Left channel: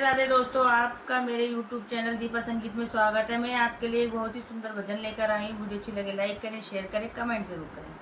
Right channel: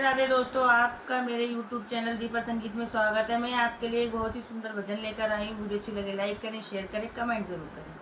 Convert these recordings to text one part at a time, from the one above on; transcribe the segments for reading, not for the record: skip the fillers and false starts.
राधे दोस्तों, आपका मेरे YouTube चैनल दीपा संगीत में स्वागत है। मैं आपके लिए एक बहुत ही सुंदर भजन लेकर आई हूँ। वीडियो अच्छी लगे लाइक करें, शेयर करें, कमेंट जरूर करें।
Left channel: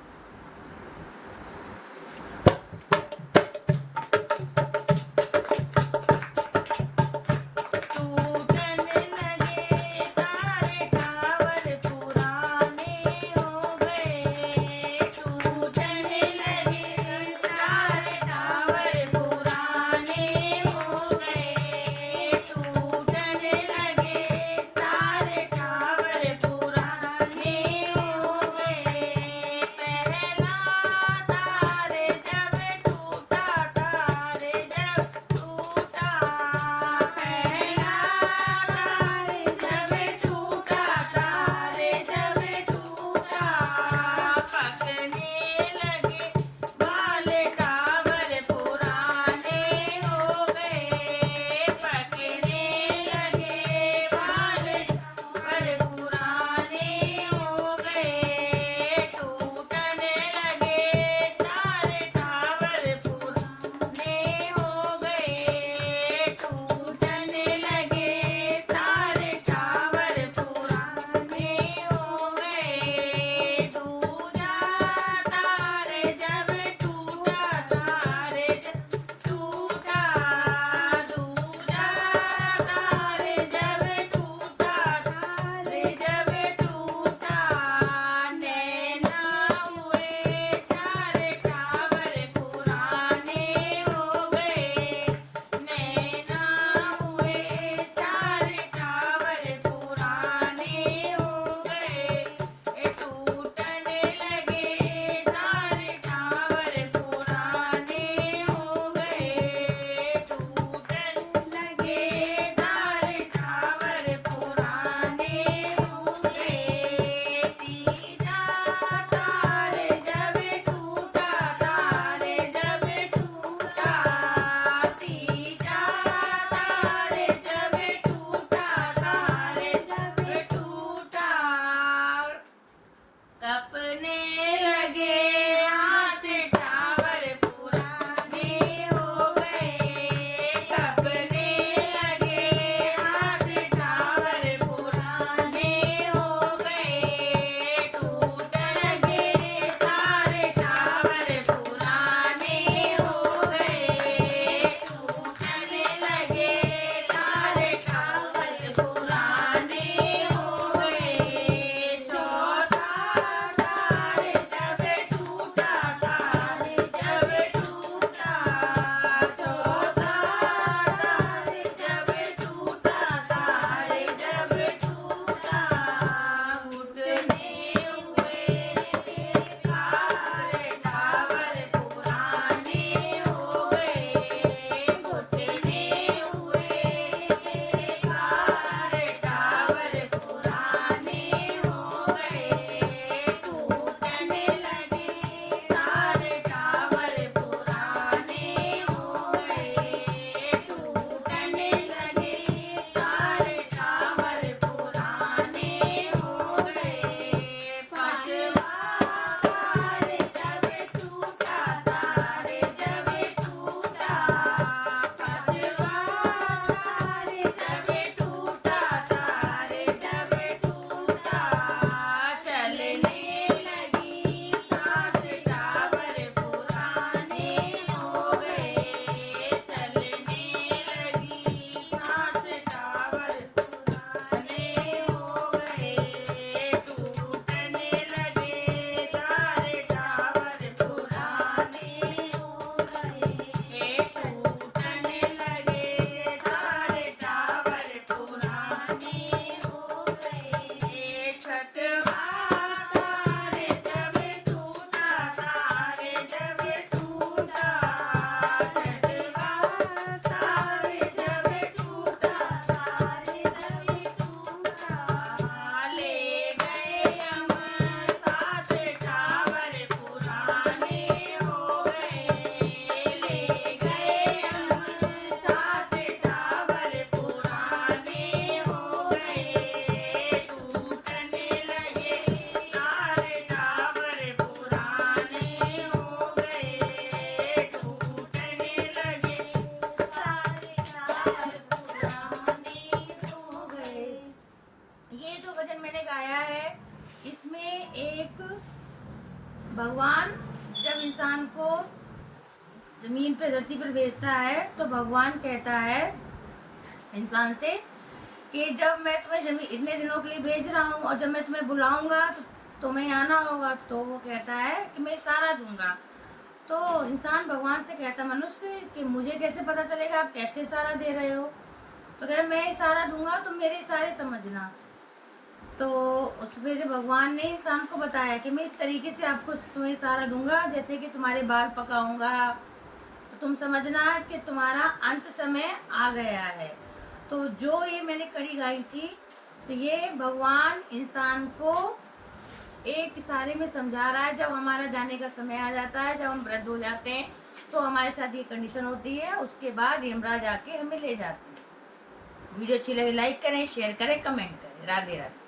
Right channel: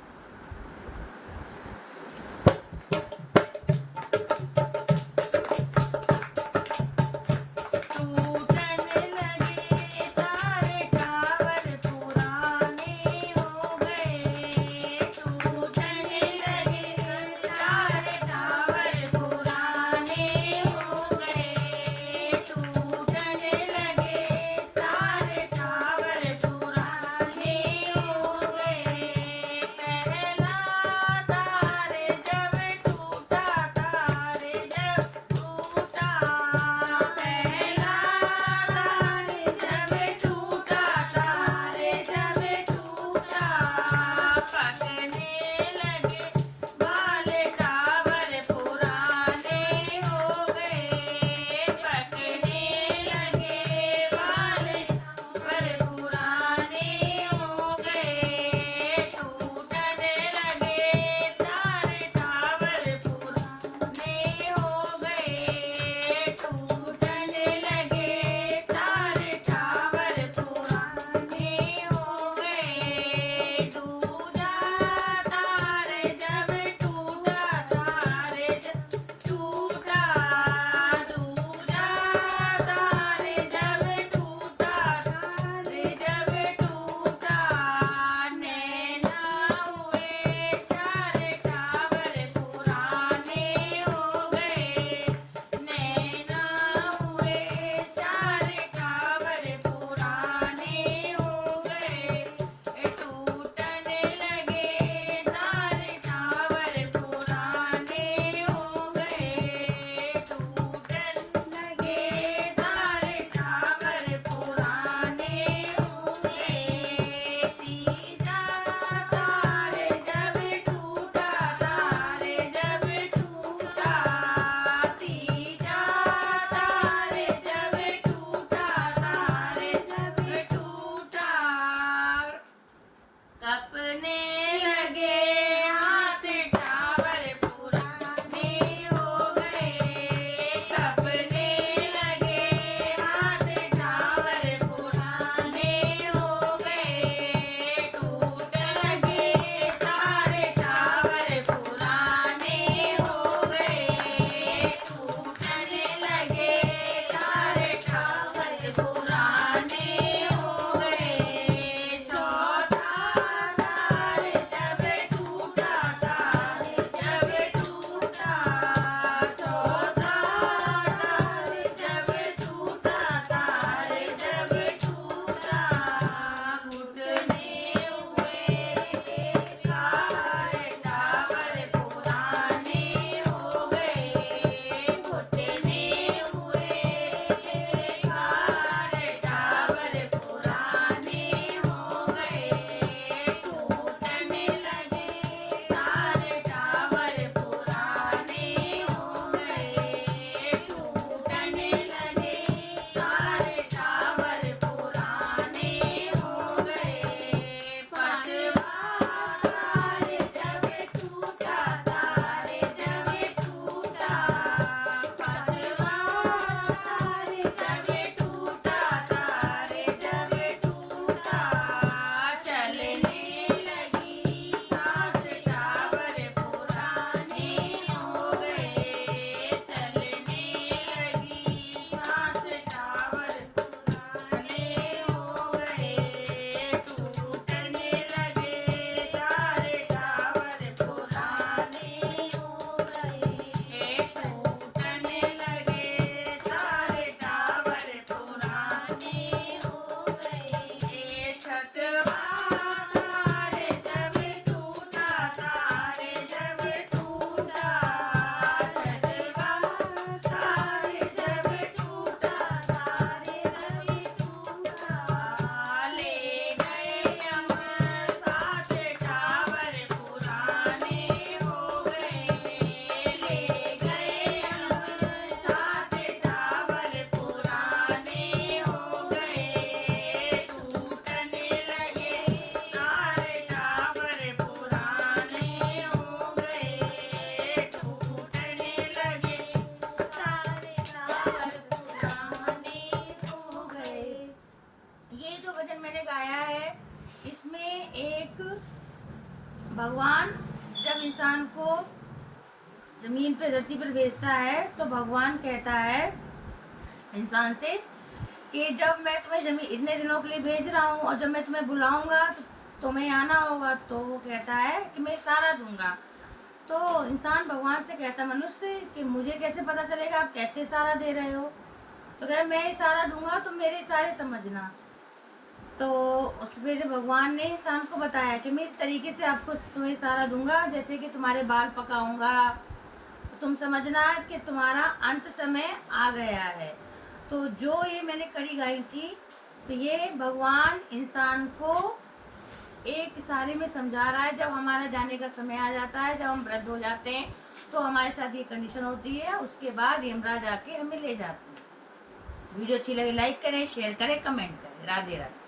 भगवान जब इंसान को जमीन पे धरती पर भेजता है तो भगवान कहता है इंसान से कि जब मैं तुम्हें जमीन इतने दिनों के लिए भेज रहा हूँ और जब मैं तुम्हें बुलाऊंगा तो तुम्हें आना होगा। तो वो कहता है कि मैं सहारा दूंगा। तो इंसान भगवान से कहता मनुष्य कि मुझे कैसे पता चलेगा आप कैसे सहारा दे रहे हो। तो कह रहे मैं इशारा दूंगा तो मेरे इशारे समझना। तो उस पे से भगवान ने इंसान को बताया कि मैं इस तरीके से आपको तुम्हें इशारा दूंगा जैसे कि तुम्हारे बाल पकाऊंगा तो तुम समझना कि तुम्हारा अंत समय आ गया है। तो जो ये मैंने कड़ी गाई थी तो ये भगवान इंसान को एक इशारे में समझा रहा है। जब हमारा जाने का समय आ जाता है, जब हम वृद्ध हो जाते हैं तो हमारे साथ ये कंडीशन होती है, उसके बाद यमराज आके हमें ले जाते हैं। वीडियो अच्छी लगे लाइक करें, शेयर करें, कमेंट करें। राधे राधे।